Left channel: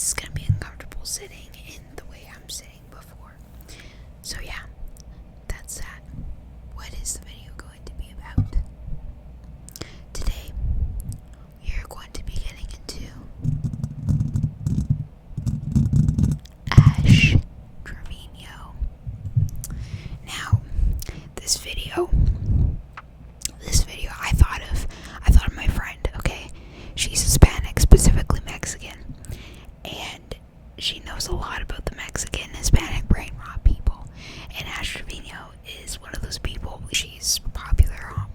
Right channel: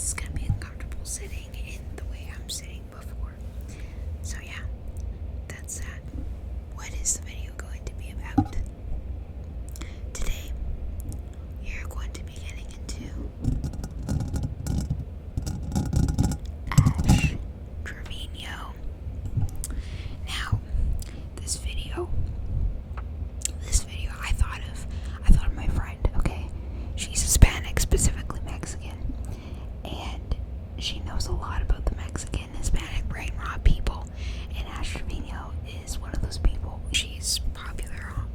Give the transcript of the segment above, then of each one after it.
it's gonna be uncomfortable sitting in the way I'm sitting before. So yeah, that's that. What is the video going to be about? Today, we are going to be getting into Ash Trevino. Now, this video I thought of my friend, okay? She's Hispanic, specifically Mexican, and she knows a lot about the Mexican Hispanic brain rot people, and Ash Trevino is one of those people. She's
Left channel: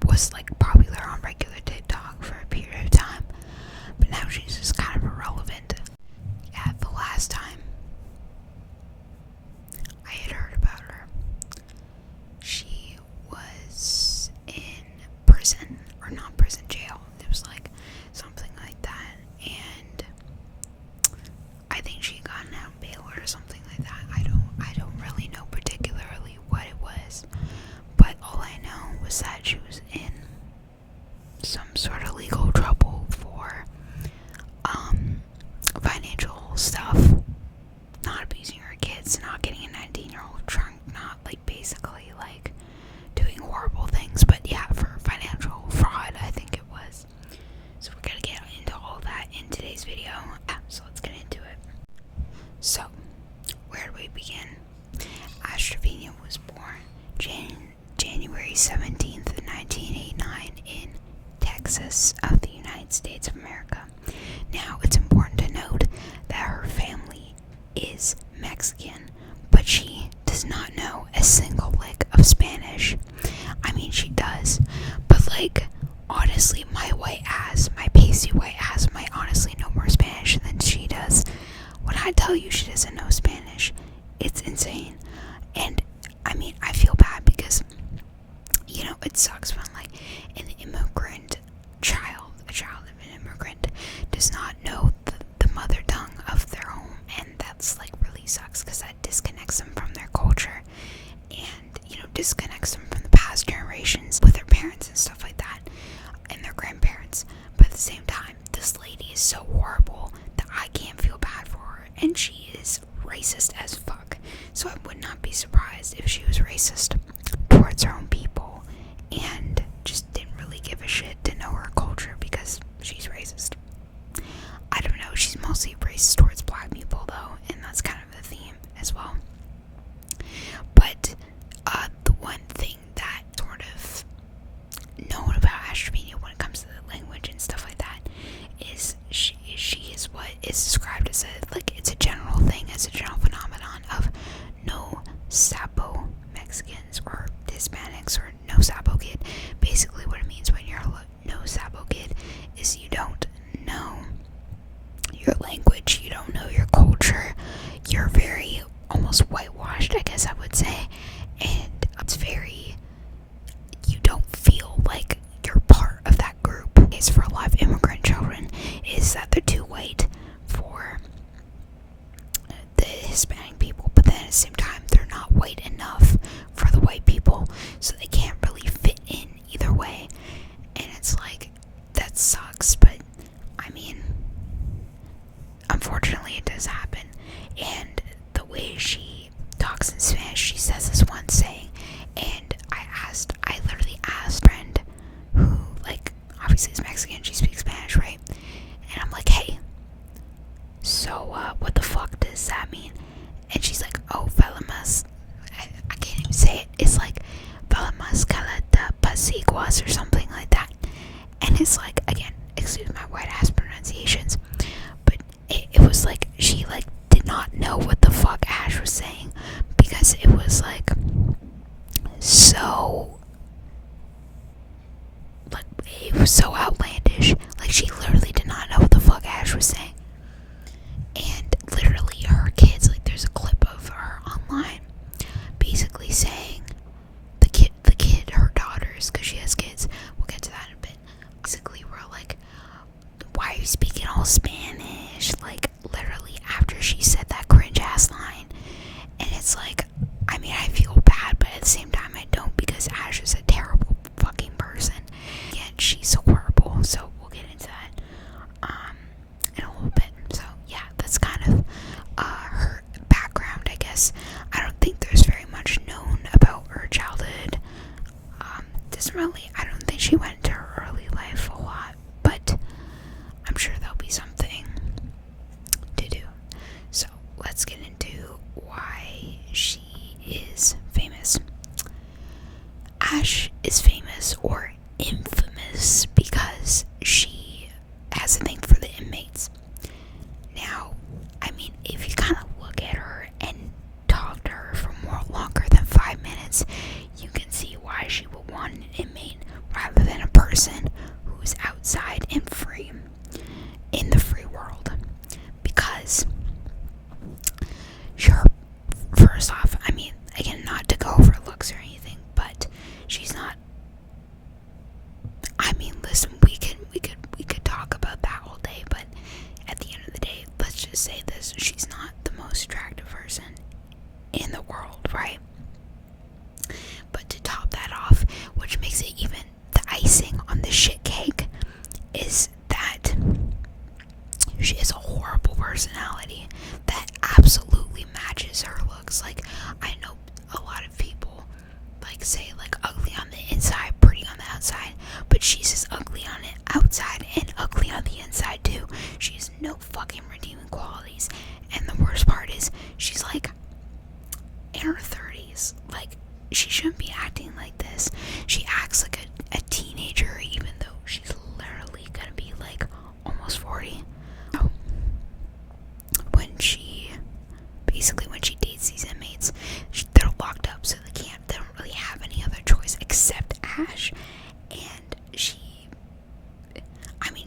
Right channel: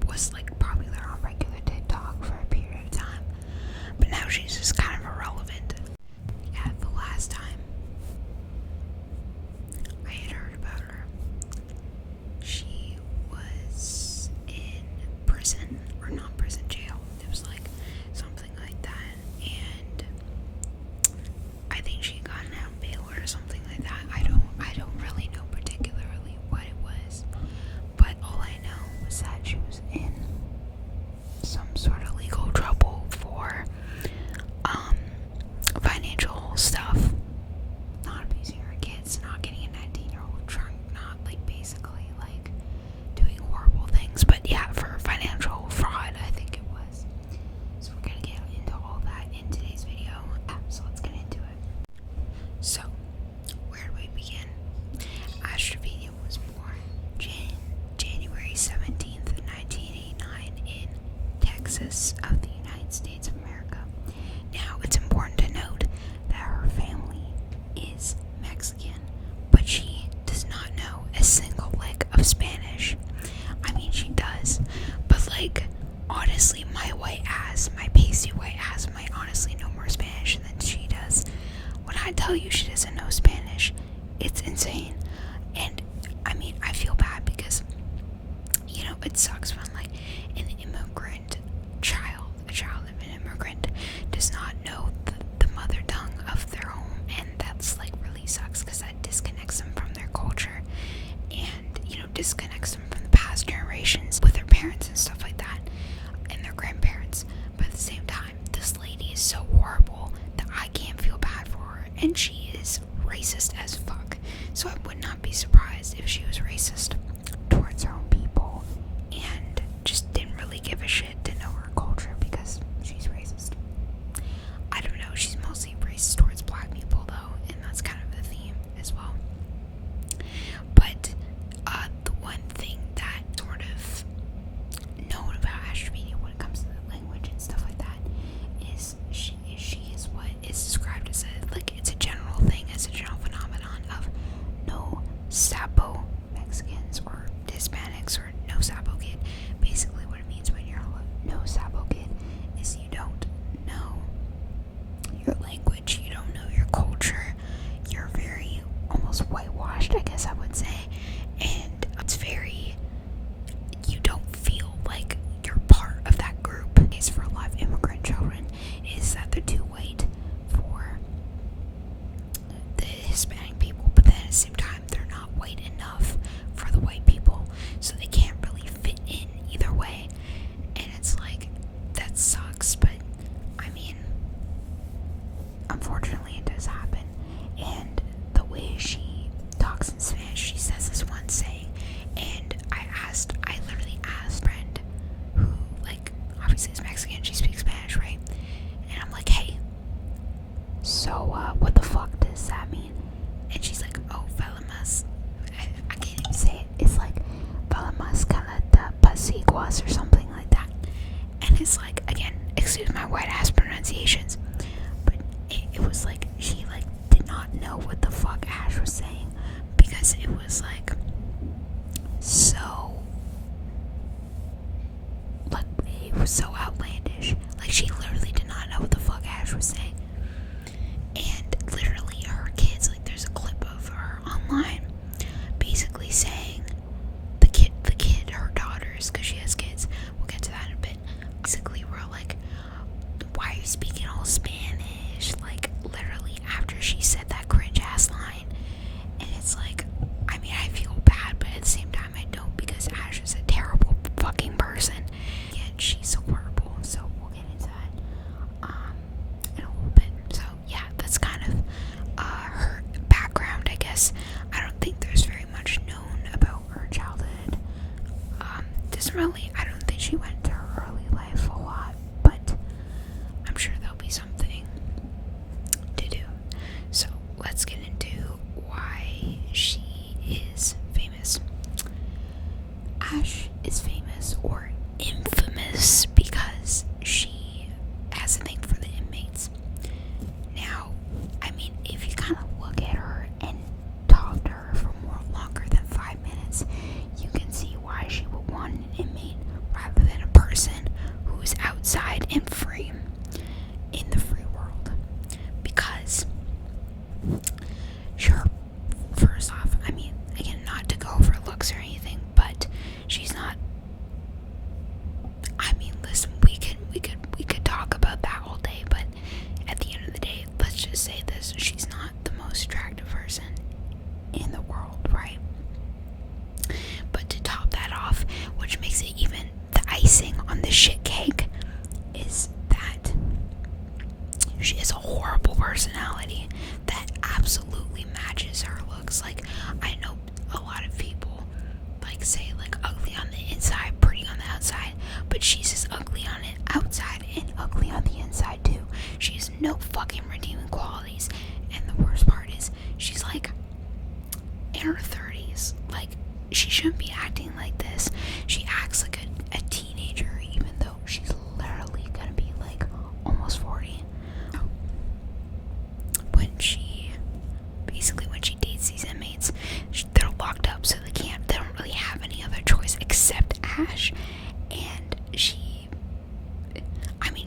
was popular on regular TikTok for a period of time, but now she's just kind of irrelevant. Yeah, the last time I had heard about her, she was in prison, or not prison, jail. It was like something like that, and I think she got out on bail or something like that. I don't really know particularly what it was, but all I know was that she was in some sort of legal trouble for financial stuff, not abusing her kids, not getting a 19-year-old drunk, not basically doing horrible things, but yeah, for financial fraud, I think it was. So we're gonna get into all that in today's video. So let's get into it. So, where do we begin? Ash Trevino was born January 17th, 1989 in Texas of the United States of America. Now, it's important to note that her family is Mexican, but she does not know a single lick of Spanish. I mean, she does, but honestly, my pasty white ass might honestly know more Spanish than she does. When I tell you she doesn't know Spanish, it's insane. And I mean, I feel bad because, it sucks when an immigrant child, a child of an immigrant, does not know the mother tongue of their home, and that's really sucks because that disconnects them from their culture, and disconnects them from the past generations with their parents and stuff like that, and their grandparents. But at the same time, this lady is so horrible that I can't feel bad for her, and she is racist as fuck. So I would not be surprised if she was racist towards her own people and just didn't really give a shit to know her culture because she's racist. I don't know, she's mostly racist towards black people though, and that's kind of the theme as well. But the one thing that sort of known about Ash Trevino when it comes to the language and stuff like that is she is what is described as it's a general thing, as a general phenomenon of no sapo Mexicans or Hispanics or no sapo kid. Basically what it means when you're a no sapo kid is you don't know your language, you don't know your culture, you're very almost whitewashed, I guess I would say, and it's you don't feel like you're part of that group. It's for a lot of immigrant children is that they're too white for the Hispanic people, but then at the same time they're not white enough for the white people, so they can't really fit in either way, and it's that sucks. But I mean, unfortunately it does happen. And the way she talks in Spanish, she says this one saying, and I literally asked a friend who obviously is Mexican, she speaks Spanish, right? And I'm like, hey, so what the fuck does that mean? And she's like, oh, velamas, I can't even say it, it's velamas caleta pasiguas or something like that. And it's again, excuse my white ass pronunciations, but it was she did not know what the fuck Ash was saying, because Sure, first off, I mean, again, not to go over looks or anything, but she's not. I mean, listen, we could talk about that all day, but at the end of the day, let's just say this: she's not the most attractive person in the world, right? But to top that off, which makes it even the icing on the shit cake, is that she has a horrible personality that absolutely matches her looks. Like, I know a lot of people like say like ugly on the inside, pretty on the outside, but she's just ugly on the outside and ugly on the inside too. She has no fucking redeeming qualities, and the worst part is she's like in her 30s. Like, she shouldn't be acting like this. She acts like a teenager, even though she's literally gonna be like almost 40. So, when she dates these inmates, they're locked up, so they don't really have any other choice except Ash. And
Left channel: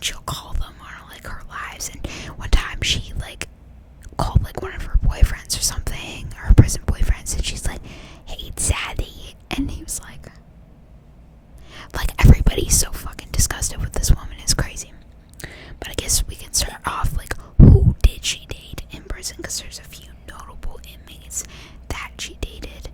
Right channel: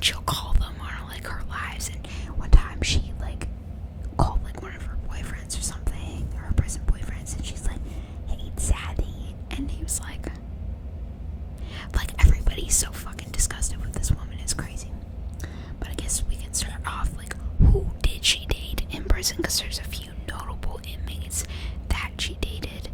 she'll call them on like her lives. And one time she like called like one of her boyfriends or something, or her prison boyfriends, and she's like, "Hey, Zaddy," and he was like everybody's so fucking disgusted with this woman. It's crazy. But I guess we can start off like, who did she date in prison? Because there's a few notable inmates that she dated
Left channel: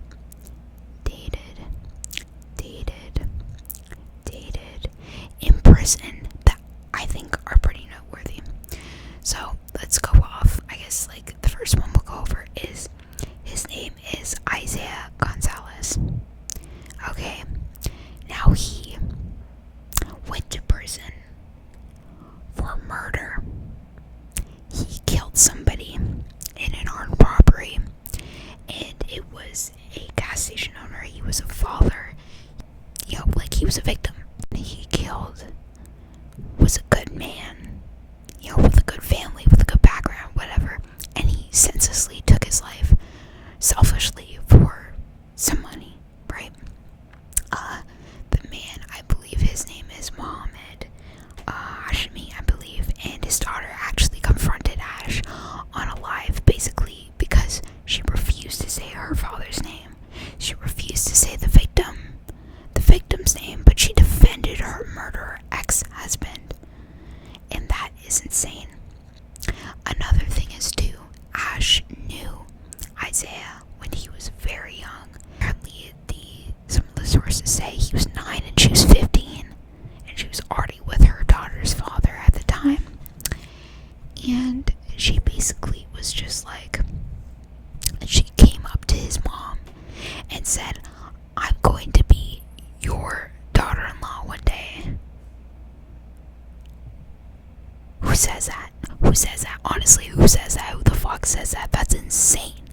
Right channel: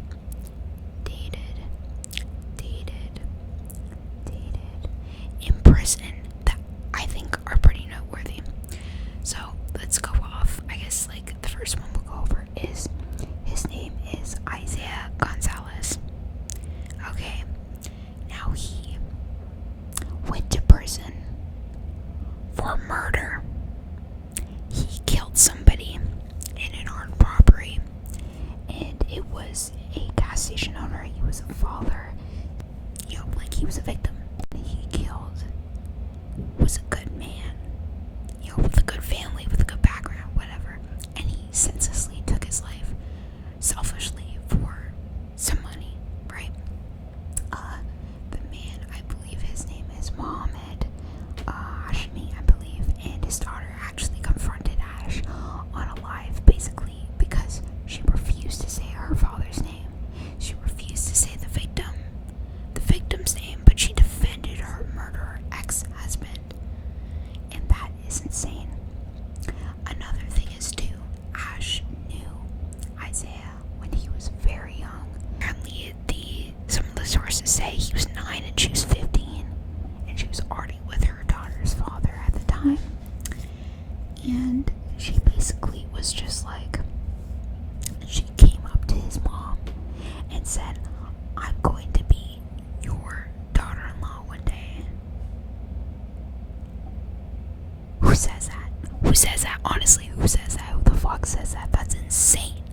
in prison that I think are pretty noteworthy. So let's go off. I guess like the first one we'll go over is, his name is Isaiah Gonzalez. Okay, now he went to prison for murder. He killed somebody in an armed robbery, and it was a gas station owner. He was a father. Like, he was a victim. He killed, was a good man, with a good family, with a good background, whatever. And he senselessly took his life, selfishly, for some money, right? The man, I believe his name is Mohammed Hashmi, I believe, and his daughter actually confronted Ash on a live, basically because she refused to say her father's name. She refused to say the victim's name, but she defended her murderer ex-husband, and that is insane. Another thing is too, Ash knew Isaiah when he was very young. Apparently, some of the sources say he was 9 and she was 15, and she was already with her daughter's father at the time. And she basically was just like, she came up to his mom and said, "I'm going to be your daughter-in-law one day." Who says that? Who says that? Honestly, who says that? Who the fuck says that? That's insane.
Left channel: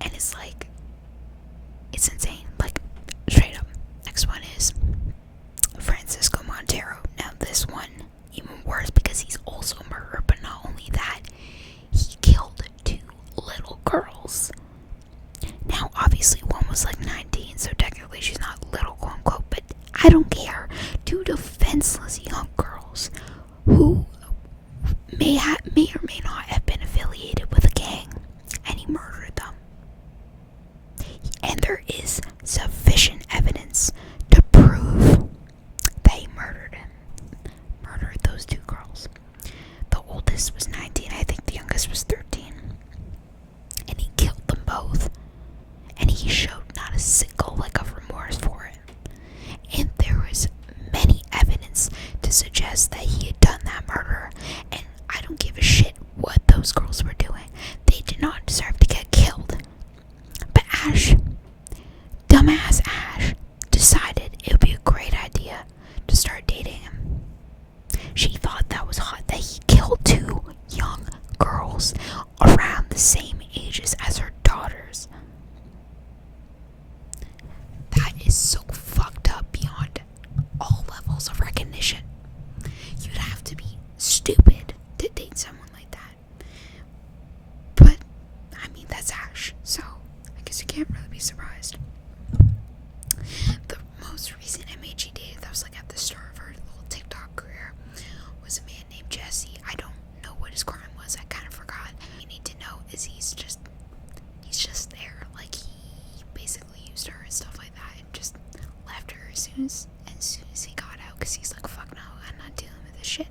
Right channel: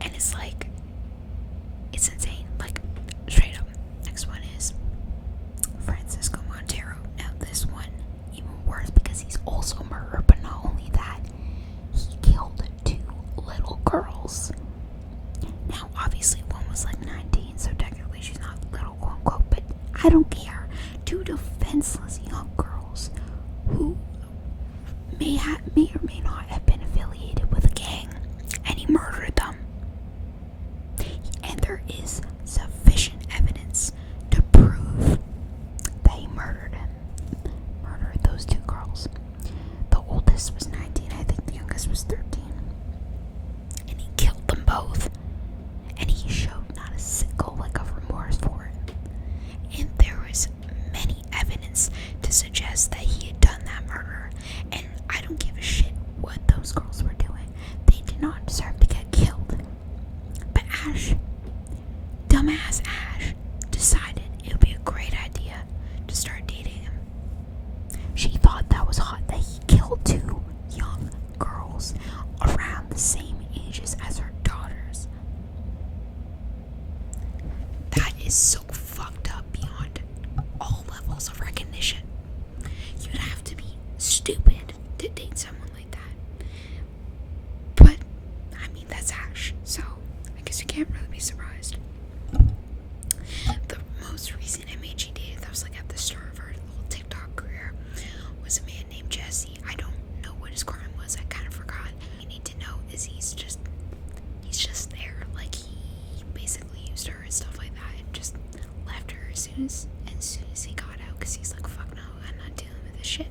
And it's like, it's insane. Like, straight up. Next one is Francisco Montero. Now this one, even worse, because he's also a murderer, but not only that, he killed 2 little girls. Now, obviously, one was like 19, so technically she's not little, quote unquote, but I don't care. 2 defenseless young girls who may or may not have been affiliated with a gang, and he murdered them. And there is sufficient evidence to prove that he murdered those 2 girls. The oldest was 19, I think the youngest was 13. And he killed them both. And he showed not a single lick of remorse for it. And there was many evidence to suggest that he had done that murder. And I don't give a shit what those girls were doing. They did not deserve to get killed. But Ash, dumbass Ash, decided it would be a great idea to start dating him. She thought that was hot, that he killed 2 young girls around the same ages as her daughters. That is so fucked up beyond all levels of recognition. You'd have to be stupid to date someone like that. But, I mean, that's Ash, so I guess you can't really be surprised. The most recent MHE dated, that was like at the start of her this shit.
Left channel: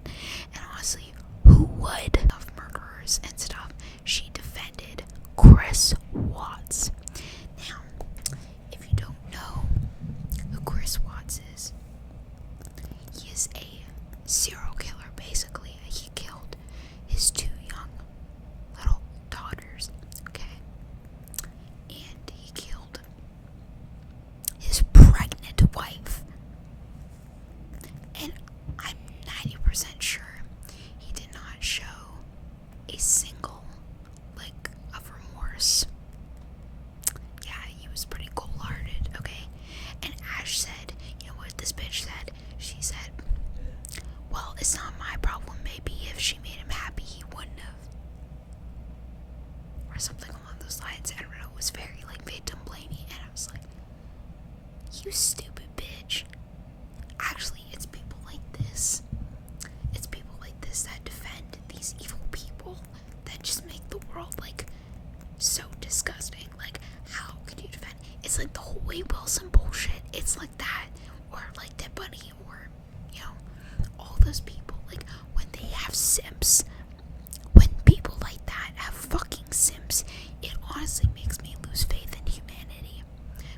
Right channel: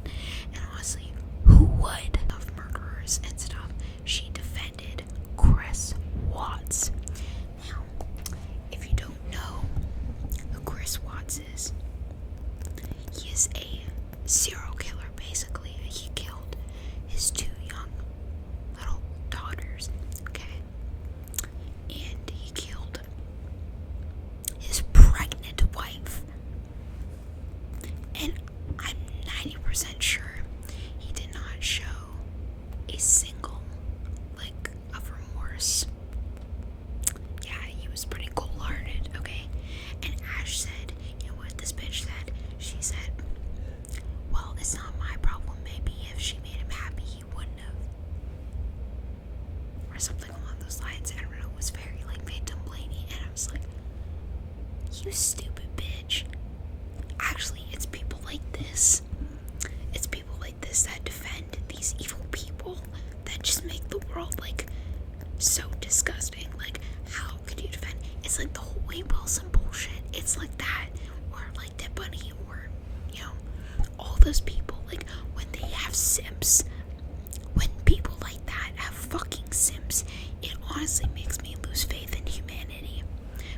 And honestly, who would? Of murderers and stuff. She defended Chris Watts. Now, if you don't know who Chris Watts is, he is a serial killer, basically. He killed his 2 young little daughters, okay? And he killed his pregnant wife. And I'm 90% sure he did not show a single lick of remorse. Yeah, he was pretty cold-hearted, okay? And Ash said, you know what this bitch said? She said, well, it's not my problem. Maybe if she made him happy, he wouldn't have. Or something along those lines. I don't know, it was very, like, victim blaming. And I was like, you stupid bitch. Actually, it's people like this. It's people like this that defend these evil people that just make the world, like, so disgusting. Like, how could you defend? It's like the whole Wade Wilson bullshit. It's like that. Or like Dead Bunny, or, you know, all those people. Like, when they have simps, when people like that have fucking simps, it honestly makes me lose faith in humanity.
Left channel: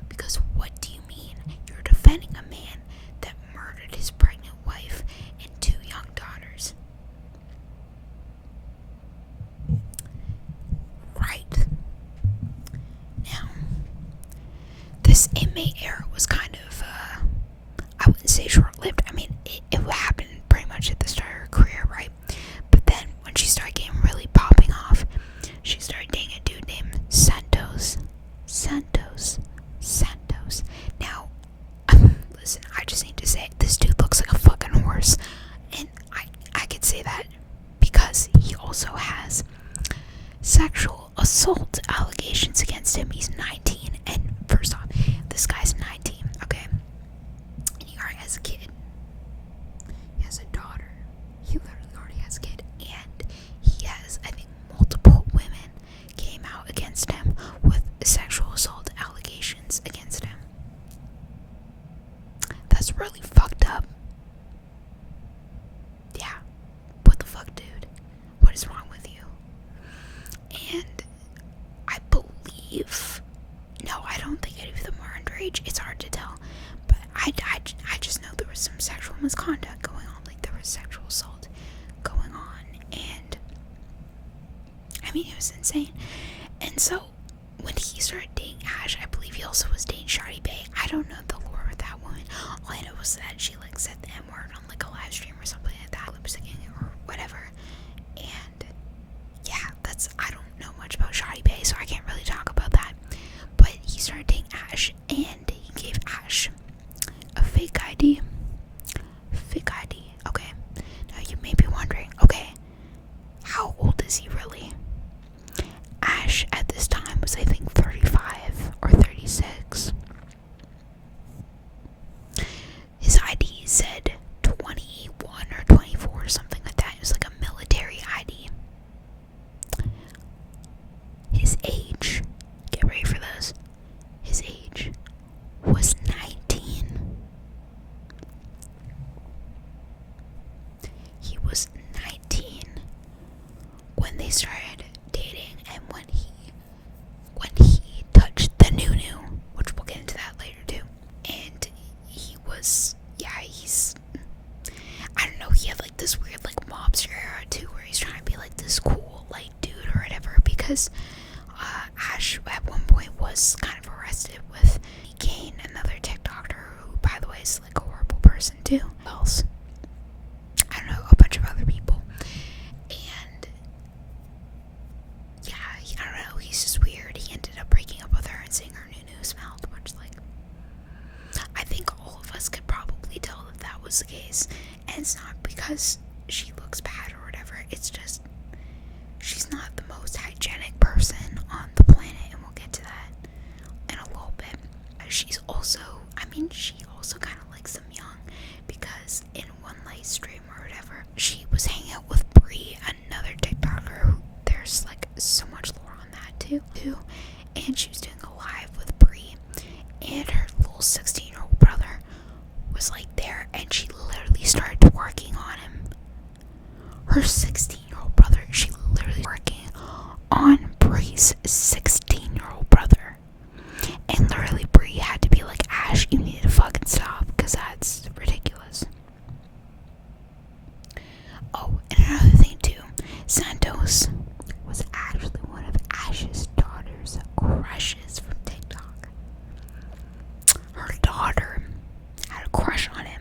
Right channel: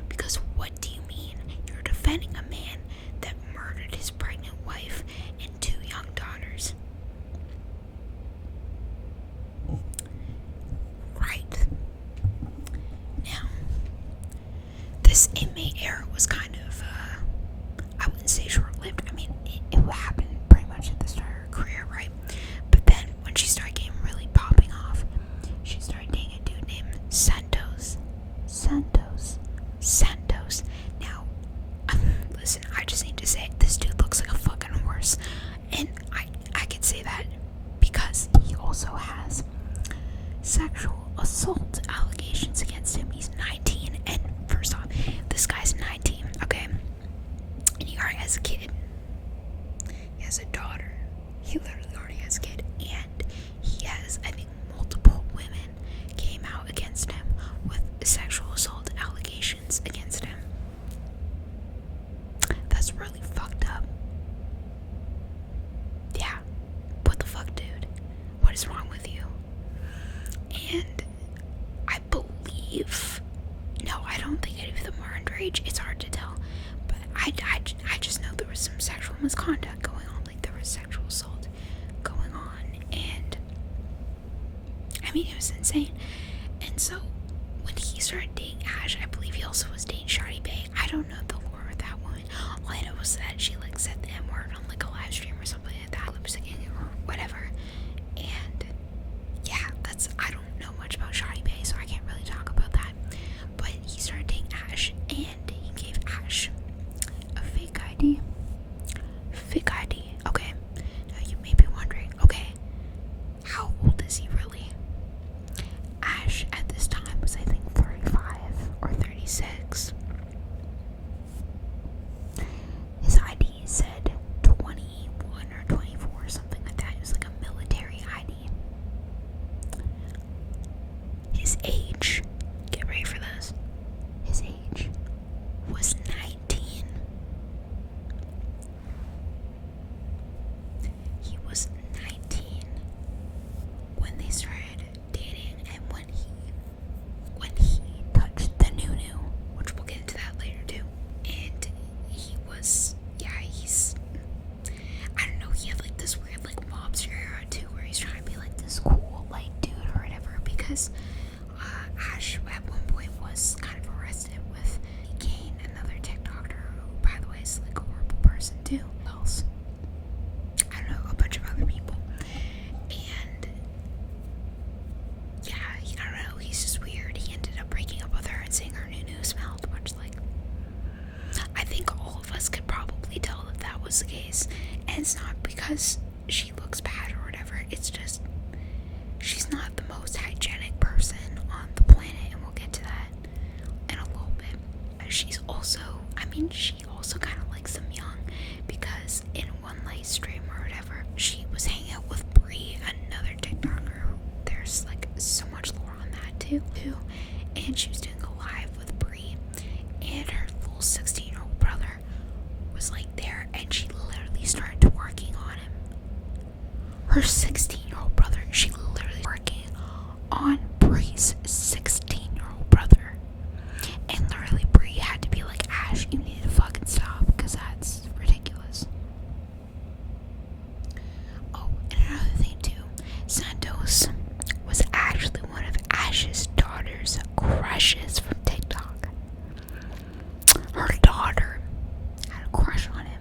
Because what do you mean? You're defending a man that murdered his pregnant wife and 2 young daughters. Right. Now, this inmate era was kind of, I wouldn't say short-lived. I mean, it happened pretty much at the start of her career, right? But then, when she started getting really popping off, she started dating a dude named Santos. Now, listen, I just need to say, this dude looks like a fucking horse. And I could say that because he also has sexual assault allegations against him. He's 19, and first off, this guy's 19, okay? And he already has a kid. He has a daughter. He literally already has a kid. And he has, I think, multiple women came out against him with sexual assault allegations against him. That's really fucked up. Yeah. What the fuck, dude? What is wrong with you? And I believe, no, I don't think any of them are underage. It's hard to tell. But I just know there was some sexual misconduct going on. Like, there was sexual assault going on. And, I mean, it was insane. And so, when he started dating Ash, I believe he also was dating Shawty Bay. I don't know the lore of that woman. All I know was that she, like, said the M-word on, like, a live stream or something like that, lip-syncing or whatever. And, yeah, I don't know much about Shawty Bay, so I can't really talk about that. But he started dating Ash, and he gave Ash a fake ID. Okay. Now, you may be wondering, okay, how old is he really? Ash, at this time, was, I think, 35 or 36. His ID said 21 or 24 or something like that. It was like a military ID. His age, get ready for this, his age was 19. He was 19 when they started dating, and when he touched the nunu, which we'll get into that later too. And he was, I don't know, he had like this weird like mobster era too, where he's trying to be like this cool like dude or whatever, because Ash at one point was kind of arrested with Kane, another TikToker who, by the way, is like a horrible person too. Who else? I don't know, a bunch of other people. And yeah, I don't know, he's just weird. He ended up breaking up with her and saying her nunu smelled, which, like, I think all of us could probably tell that that was the case. And it's not because she looks bad or whatever, it's just she's not the most hygienic person on the planet, and we'll get to that in a little bit. She also kind of likes them young, because in one live stream or whatever, she was hanging out with Bree, another TikToker who there's like so much lore on that too. And she was doing a live with Bree, and her little 16-year-old brother was like there, and she literally started twerking on him. her 16-year-old brother. She literally working on Bree's 16-year-old brother. And literally Bree had to be like, Ash, you need to fucking stop, because that's ridiculous. Oh, and another thing too, Santos was actually one of Ash's daughter's crushes from TikTok. Her daughter had a crush on him,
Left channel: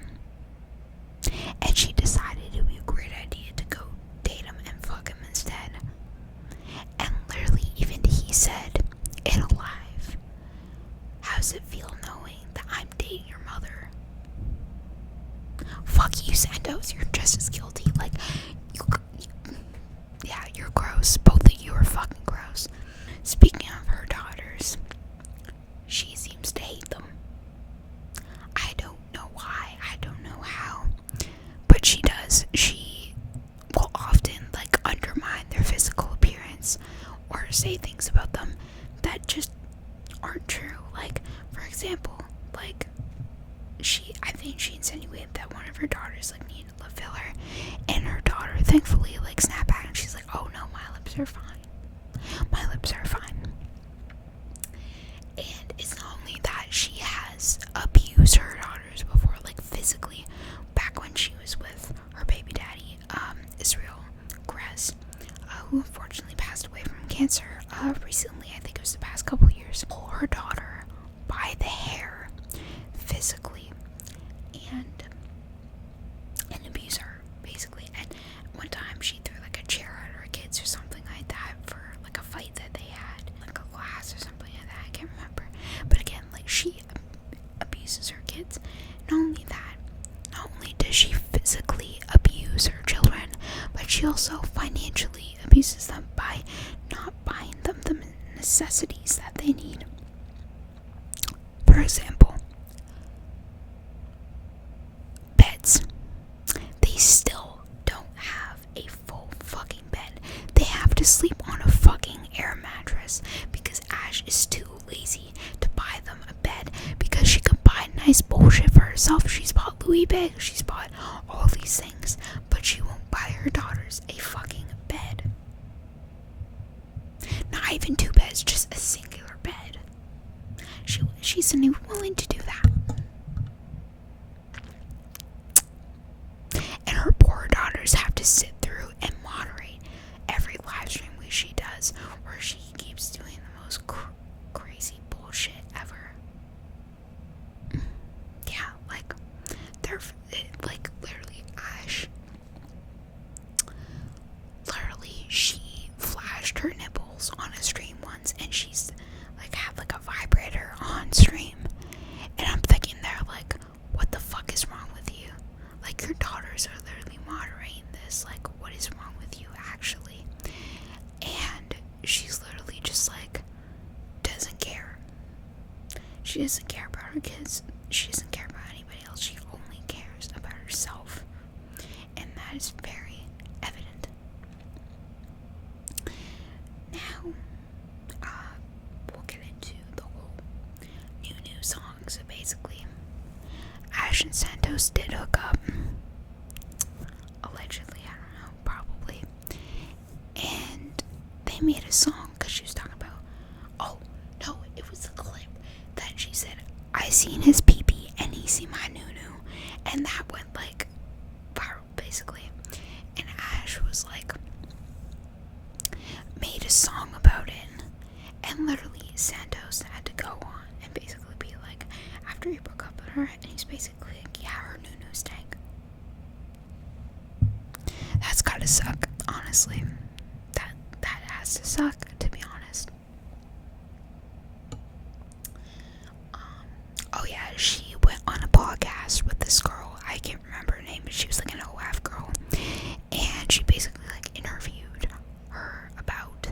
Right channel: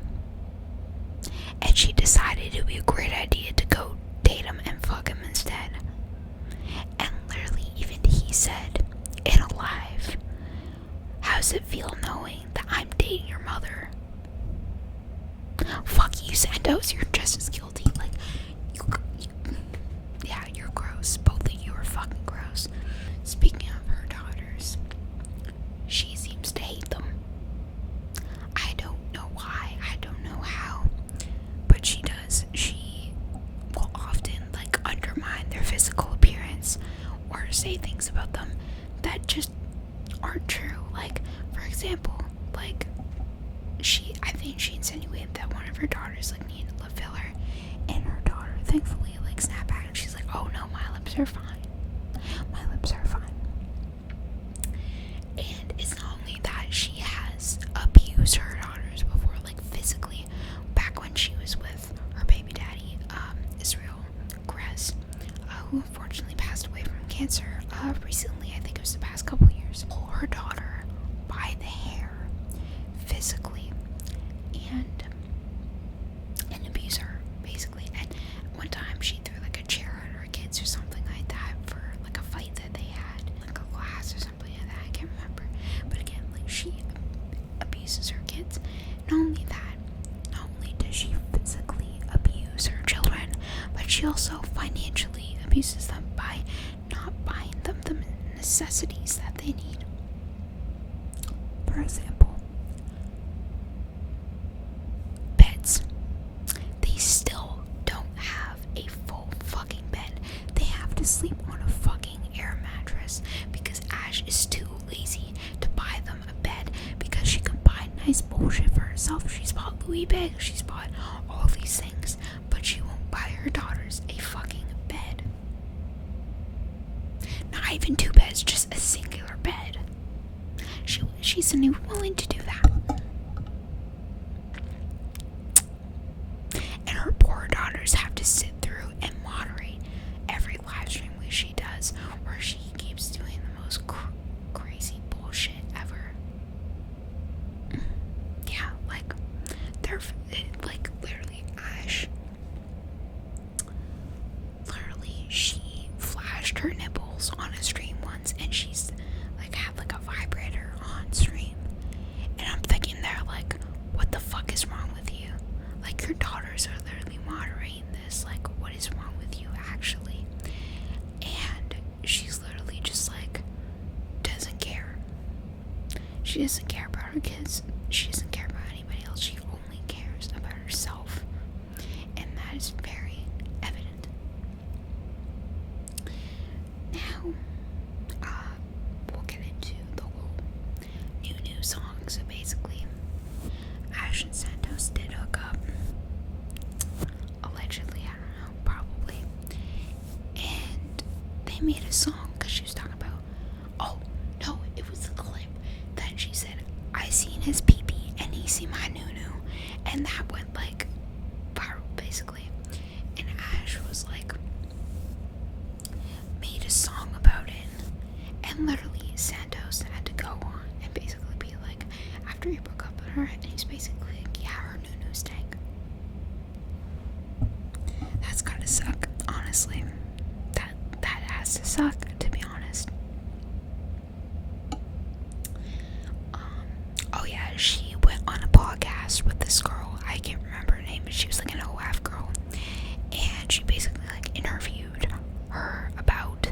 and she decided it would be a great idea to go date him and fuck him instead. And literally, even he said in a live, how's it feel knowing that I'm dating your mother? Fuck you, Santos, you're just as guilty. Like, yeah, you're gross. Both of you are fucking gross. Speaking of her daughters, she seems to hate them. I don't know why, I don't know how, but she does. She will often, like, undermine their physical appearance or say things about them that just aren't true. Like, for example, like, I think she insinuated that one of her daughters, like, needed lip filler, and her daughter thankfully, like, snapped back and she's like, oh no, my lips are fine. My lips are fine. And it's not only that, she has abused her daughters before, like, physically, back when she was with her baby daddy, Israel Grez, who unfortunately passed away from cancer, recently. I think it was the past couple years. Pull her daughter by the hair, physically, and abuse her, basically. And one time she threw, like, a chair at her kids or something like that for, like, a fight that they had, like a glass or something like that, I can't remember. But again, like, she abuses her kids. Not only that, not only does she physically abuse her children, but she also financially abuses them by not buying them the necessities that they need. For example, beds. They still don't have a full fucking bed. They have to sleep on a fucking air mattress because Ash is too lazy to buy them a bed, because she can buy nice bullshit for herself. She's bought Louis bags, she's bought all these things, but she won't buy her daughters a fucking bed. Not even two beds, just a singular bed. She's not even willing to do that. And her poor daughters have to sit through and moderate every live stream she does, where she keeps doing the most crazy bullshit ever. Yeah, like, they're, like, literally, Ash, literally, she flashed her nipples on a stream once, and she's, like, had, like, a vibrator on stream, and I'm thinking there, like, what the fuck is wrong with you? Like, your daughters are literally moderating this, like, what is wrong with you, actually? And she's literally just, like, doesn't care. She doesn't care about her kids. She doesn't care about anybody else. She only cares about herself. And that is very evident. Now, we'll get into the whole new song. So basically, Ash and Santos did hook up. Allegedly, I don't know, probably. And they made a song because she was talking about, oh, no, it was a clip that she said, I seen his pee-pee and he seen my noo-noo. And that went, like, viral, basically. And Ash was, like, made a song about it. And literally, Santos had to go on and basically be like, after he broke up with her, and he's basically like, yeah, her noo-noo stank. That's gotta suck, honestly. That has to suck, to be honest. Oh yeah, she went on a podcast with this girl. I can't remember her name, but she was like an OF girl. And she basically, like, interviewed her about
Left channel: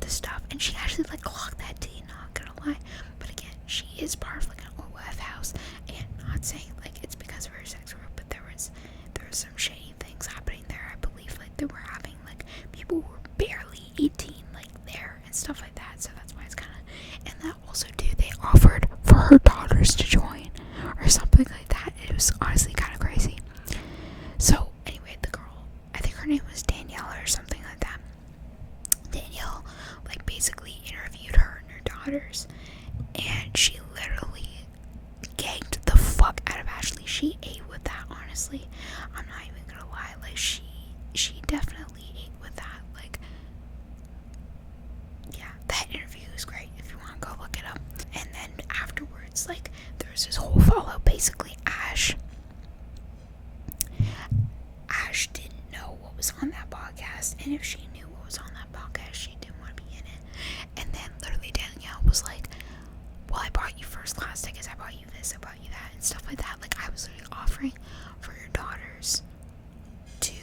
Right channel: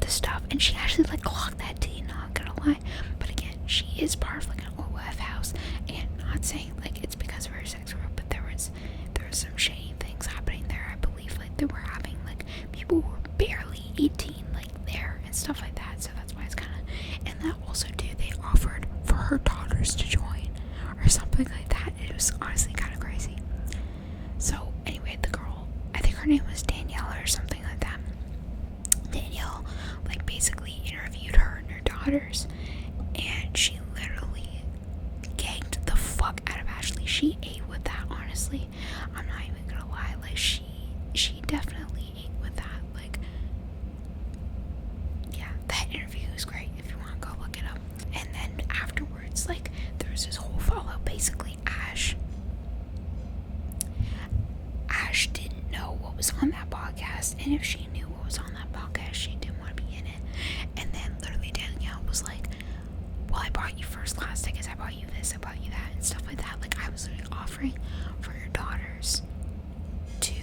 the stuff. And she actually, like, clocked that tea, not gonna lie. But again, she is part of, like, an OF house. And not saying, like, it's because of her sex group, but there was some shady things happening there. I believe, like, they were having, like, people who were barely 18, like, there and stuff like that. So that's why it's kind of, and that also too, they offered for her daughters to join or something like that. It was honestly kind of crazy. So anyway, the girl, I think her name was daughters, and she literally ganked the fuck out of Ashley. She ate with that, honestly. I'm not even gonna lie. Like, she definitely ate with that. Like, yeah, that interview was great. If you want to go look it up. And then afterwards, like, there was this whole follow. Basically, Ash didn't know what was on that podcast, and if she knew what was on that podcast, she didn't want to be in it. And then literally Danielle was like, well, I bought you first class tickets, I bought you this, I bought you that, and stuff like that. Like, I was literally offering for your daughters to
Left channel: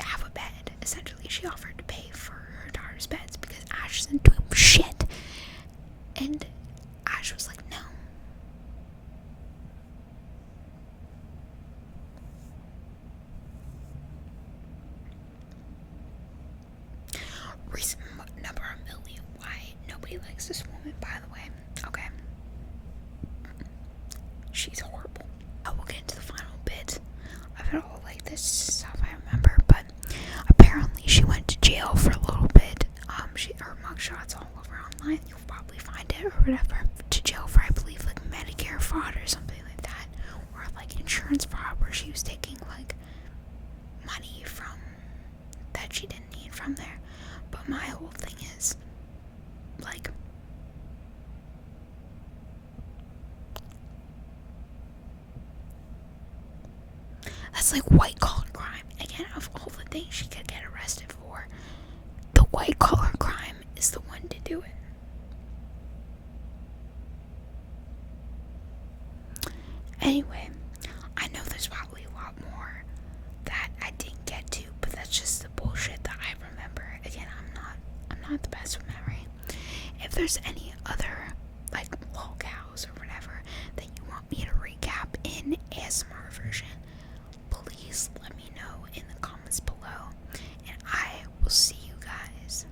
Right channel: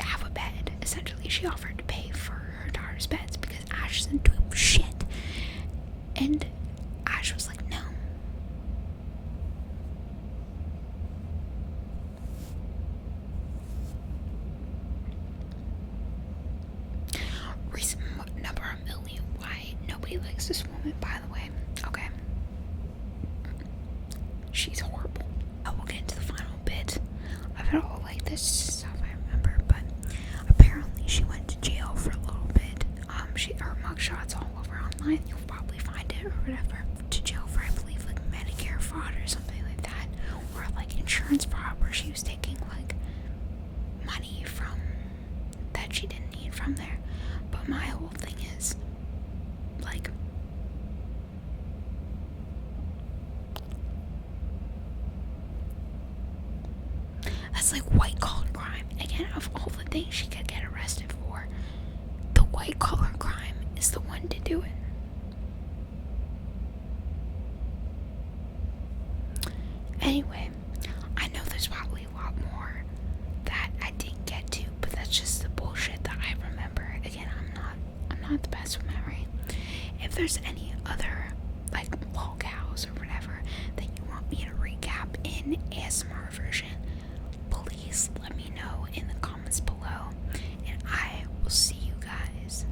have a bed. Essentially, she offered to pay for her daughter's beds because Ash isn't doing shit. And Ash was like, no. Reason number a million why nobody likes this woman, by the way. Okay. She's horrible. I will get into the final bit of it all, like this stuff I remember, but apparently she went to jail for a little bit. Her mugshot's all over online. You'll probably find it or whatever. To jail for, I believe, like Medicare fraud or something like that, or like insurance fraud, where she was taking like money from that she didn't need from there. But my whole thing is, like, that's like white collar crime. Again, of all the things she could get arrested for, the white collar crime is the one to do it. Anyway, I know there's probably a lot more that I didn't get to, but that's just the bullshit that I remember. Again, I'm not the best with memory. If there's any other like lolcows or whatever that you want me to recap in ASMR version, please let me know in the comments below, and I will see you guys